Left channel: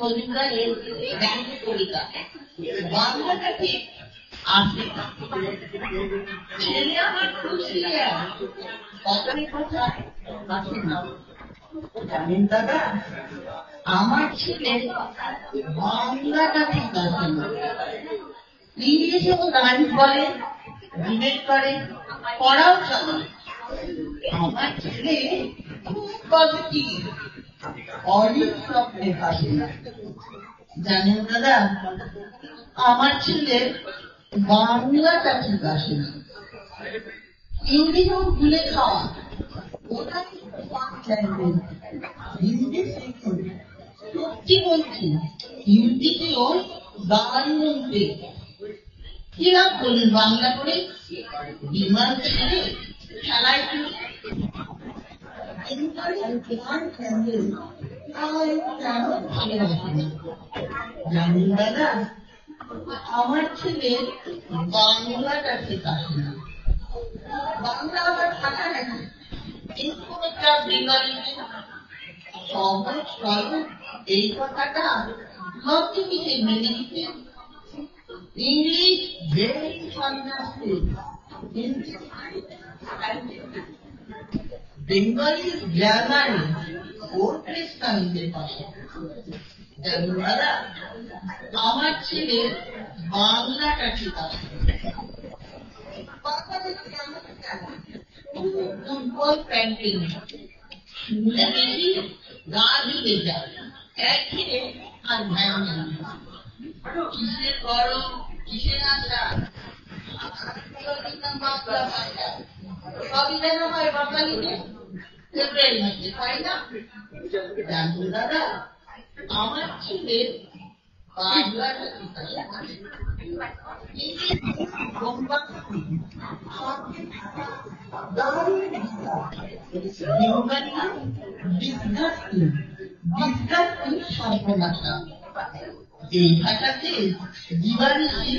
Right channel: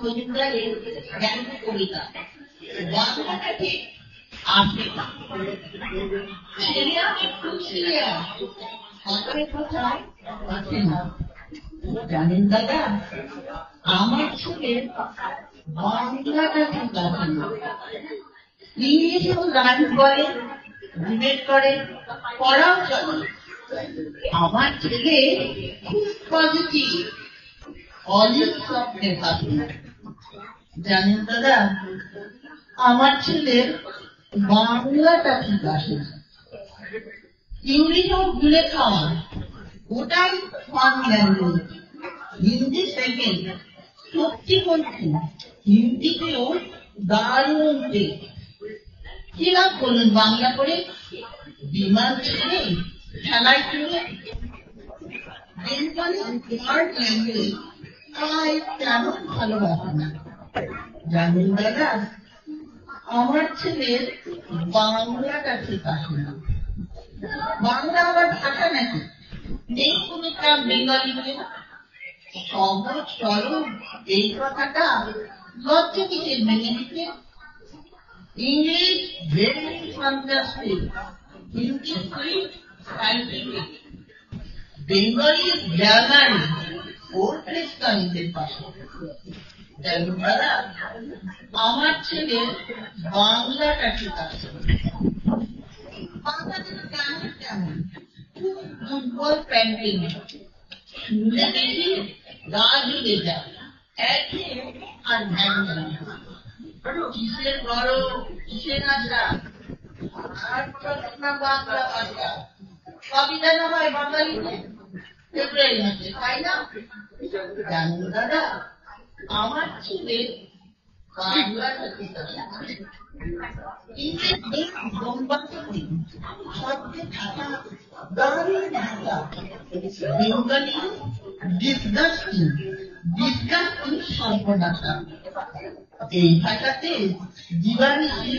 মজুমদারের ব্যঙ্গ কবিতা বাংলাটা ঠিক আসে ছেলে আমার খুব সিরিয়াস কথায় কথা আসে না। জানেন দাদা, আমার ছেলে বাংলাটা ঠিক আসে না। ইংলিশেও গান করে, ডিবেট করে, পড়াও চলে। আমার ছেলে খুব পজিটিভ, অলিভ স্বপ্নে ভাবে। জানেন দাদা, আমার ছেলে বাংলাটা ঠিক আসে না। ইংলিশও ভুলে খাওয়া, ওটাই ফান ল্যাঙ্গুয়েজ। হিন্দি সেকেন্ড, সত্যি বলছি হিন্দিতেও দারুণ টেস্ট। কি লাভ বলুন বাংলা করে? বিমান ছেড়ে খেলায় চলে। স্মার্ট ল্যাঙ্গুয়েজ তাই তেমন ভালোবাসে না। জানেন দাদা, আমার ছেলের বাংলাটা ঠিক আসে না। বাংলা আবার ভাষা নাকি? নেই কোন ক্লাব বেঙ্গলিতে। সহজ সরল এই কথাটা লজ্জা কিসে মেনে নিতে? English very fantastic, Hindi sweet scientific, Bengali জার্নালি ওর খ্রিস্টানদের পাশে। দাদা, আমার ছেলে বাংলাটা ঠিক আছে। বাংলাদেশ কেমন কেমন খুব দুর্বল প্যান্টিং, শুনলে বেশি গা ঢুকে যায়, একে আর ধ্যান নেই। কিসের গরম, কিসের আশা, আর না বাংলা ভাষা সবই যেন হয় বাঙালিতে, ফেব্রুয়ারি মাসে হয় না। জানুন দাদা, আমার ছেলে বাংলাটা ঠিক আছে। ইংরেজি বোম্বাস্টিক, শব্দে থাকা দারুণ ভাষা। বেঙ্গলি ডিসগাস্টিং, ডিসগাস্টিং সর্বনাশা। এই ভাষাতে দিবানিশি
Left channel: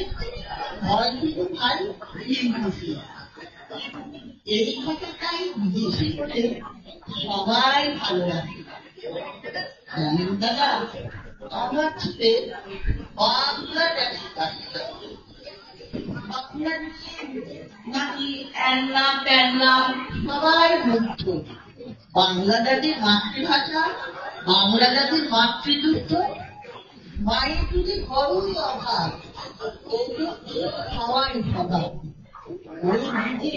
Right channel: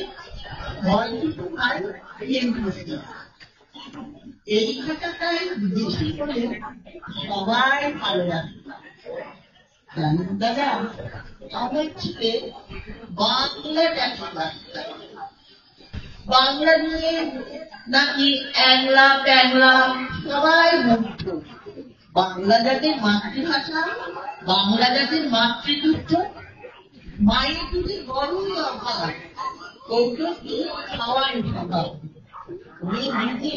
ভয় কিছু খাই ইংরেজি। এই ভাষাটাই বেশি করে সবাই ভালোবাসে। জানেন দাদা, আমার ছেলে বাংলাটা ঠিক আছে। বাংলা নিয়ে নাকি অ্যাংলা ট্যাংলা সবাই মুগ্ধ। বাংলা জাতির মাতৃভাষা, বাংলা জাতির মাতৃদুগ্ধ, মায়ের দুধে বড়ই অভাব, ওষুধ খাওয়ার স্বভাব। ওই দুধে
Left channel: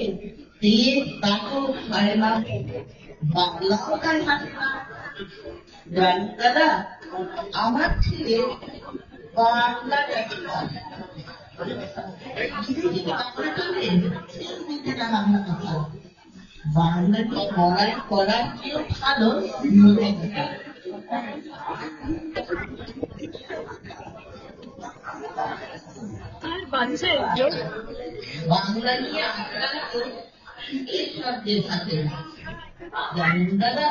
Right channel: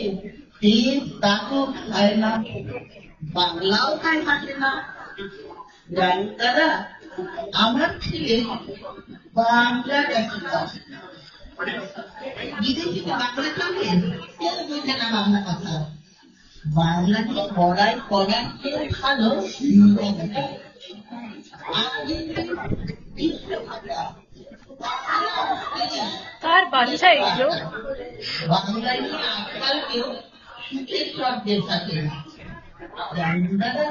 তেল তাকও খায় না, বাংলাও তাই হাসে না। জানেন দাদা, আমার ছেলে বাংলাটা ঠিক আছে। বিদেশি বাংলা চলে, কেউ বুঝে না বাংলা কথা। বাংলা নিয়ে পড়াই করার কেউ ভালো আর বাচ্চা এগুলো বাংলা নিয়ে আজকাল কেউ সুখের শব্দের সাথে। জানেন দাদা,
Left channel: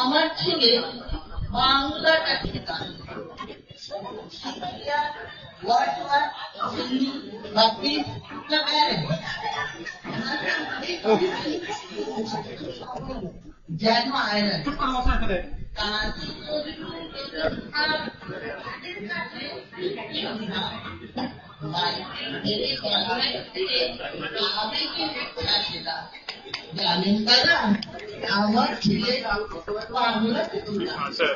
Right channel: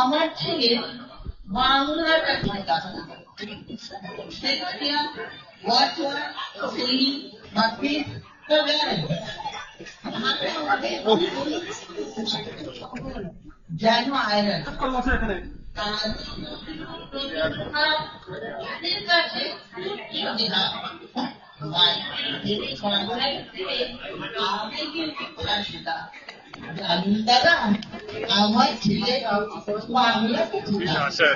আমার ছেলে বাংলাটা ঠিক আছে। শেক্সপিয়ার, ওয়ার্ডসওয়ার্থ, শেলি, বাকিস তো গেলেন, যেন আয়রন জানেন দাদা, আমার ছেলে বাংলাটা ঠিক আছে।